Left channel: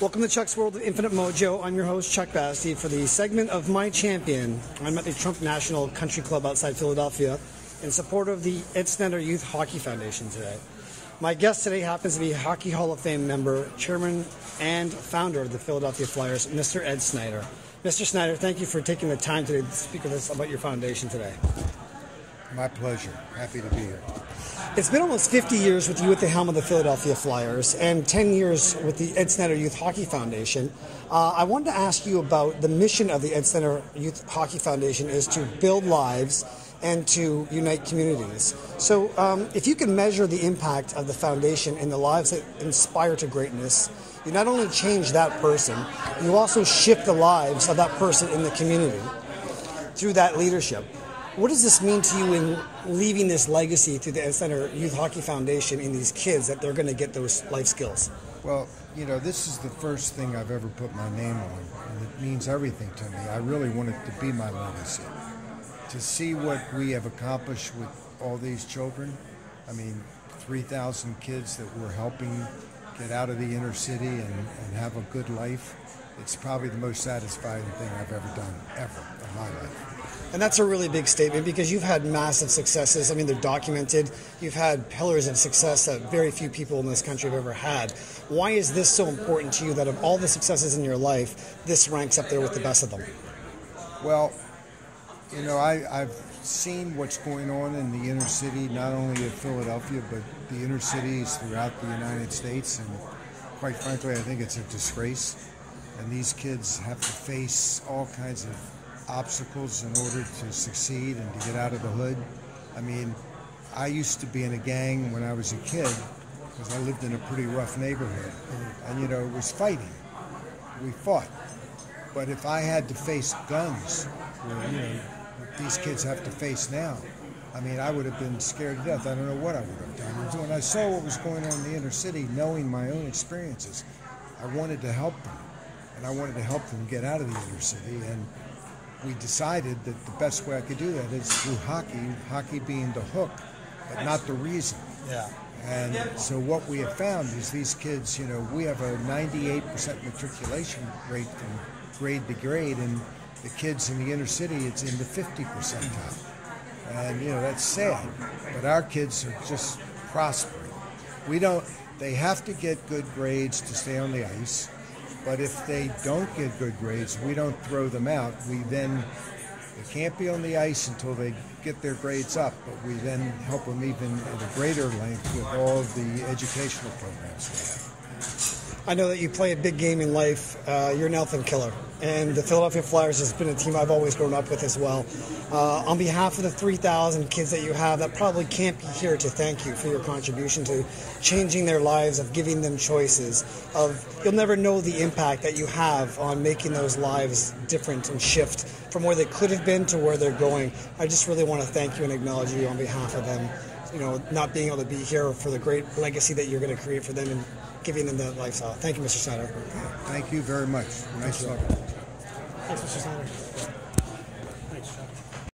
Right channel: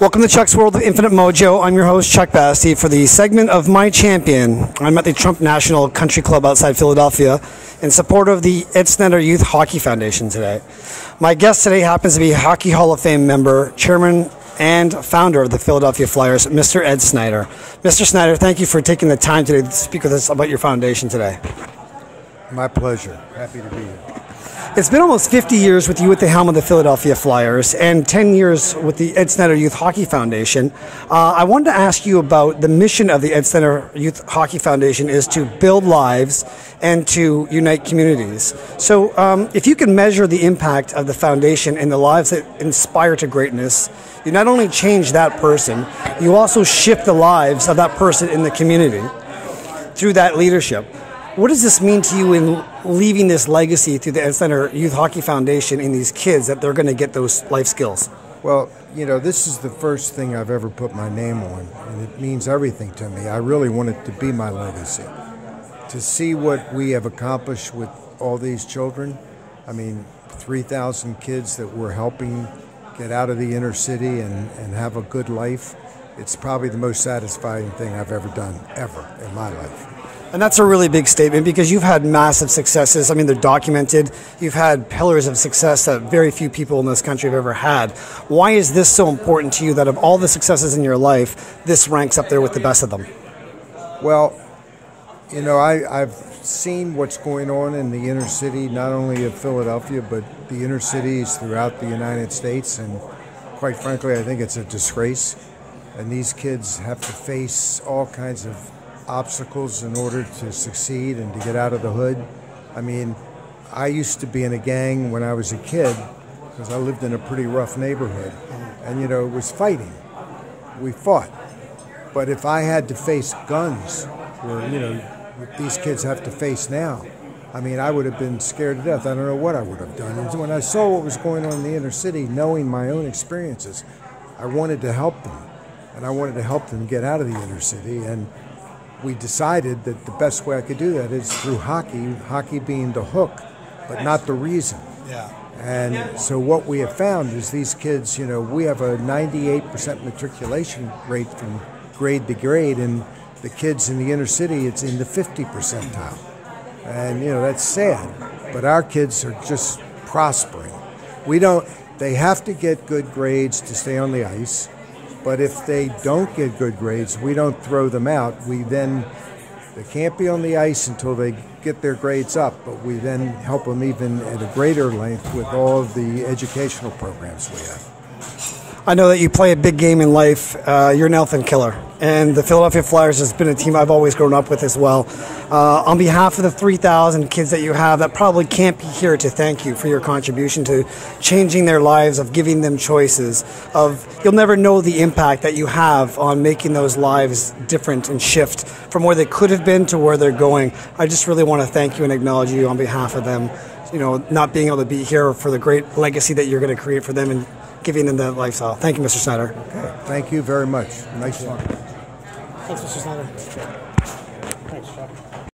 Welcome to Chuck's World of Infinite Mojo. I'm your host, Chuck Basty, for the segment of My Champion. I'm at the Trump National Country Club outside Philadelphia in support of the Ed Snider Youth Hockey Foundation today. My guest today happens to be Hockey Hall of Fame member, chairman, and founder of the Philadelphia Flyers, Mr. Ed Snider. Mr. Snider, thank you for taking the time today to speak with us about your foundation today. My pleasure. Happy to be here. It's been almost 50 years with you at the helm of the Philadelphia Flyers and 10 years with the Ed Snider Youth Hockey Foundation. I wanted to ask you about the mission of the Ed Snider Youth Hockey Foundation is to build lives and to unite communities. So if you can measure the impact of the foundation in the lives that inspire to greatness, you not only change that person, you also shift the lives of that person in the community through that leadership. What does this mean to you in leaving this legacy through the Ed Snider Youth Hockey Foundation in these kids that they're going to get those life skills? Well, you know, this is the first thing I've ever put my name on, and it means everything to me. I really want it to be my legacy. To see what we have accomplished with all these children, I mean, 3,000 kids that we're helping get out of the inner city and have a good life, it's probably the most satisfying thing I've ever done, ever, in my life. And that's a really big statement because you've had massive successes. I mean, they're documented. You've had pillars of success that very few people in this country have ever had. Why is this so important to you that of all the successes in your life, this ranks up there with the best of them? Well, you know, I've seen what's going on in the inner city, not only of Philadelphia, but the inner cities throughout the United States. And quite frankly, I think it's a disgrace. And these kids have to face all kinds of obstacles in order to succeed and to get out of the hood. I mean, I used to be in a gang when I was a kid because I lived in a pretty rough neighborhood. And, you know, it was fighting. We fought. But if I had to face guns, where, you know, these kids have to face now, I mean, I would have been scared to death. I don't know what I would have done. And when I saw what was going on in the inner city, knowing my own experiences, I wanted to help them. And I wanted to help them get out of the inner city. And we decided that the best way I could do that is through hockey, hockey being the hook, but not the reason. And so what we have found is these kids, you know, we have a 98% matriculation rate from grade to grade, and the kids in the inner city, it's in the 50 percentile. And, you know, that's sad, but our kids are just prospering. They have to get good grades to stay on the ice. But if they don't get good grades, we don't throw them out. They can't be on the ice until they get their grades up, but we then help them even at a greater length with all of the educational programs we have. I know that you play a big game in life. You're an elephant killer. And the Philadelphia Flyers has been a team I've always grown up with as well. On behalf of the 3,000 kids that you have that probably can't be here to thank you for your contribution to changing their lives, of giving them choices, you'll never know the impact that you have on making those lives different and shift from where they could have been to where they're going. I just really want to thank you and acknowledge you on behalf of them, you know, not being able to be here, for the great legacy that you're going to create for them and giving them that lifestyle. Thank you, Mr. Snider. Okay. Thank you very much. Nice talking. Thanks, Mr. Snider. Thanks, Chuck.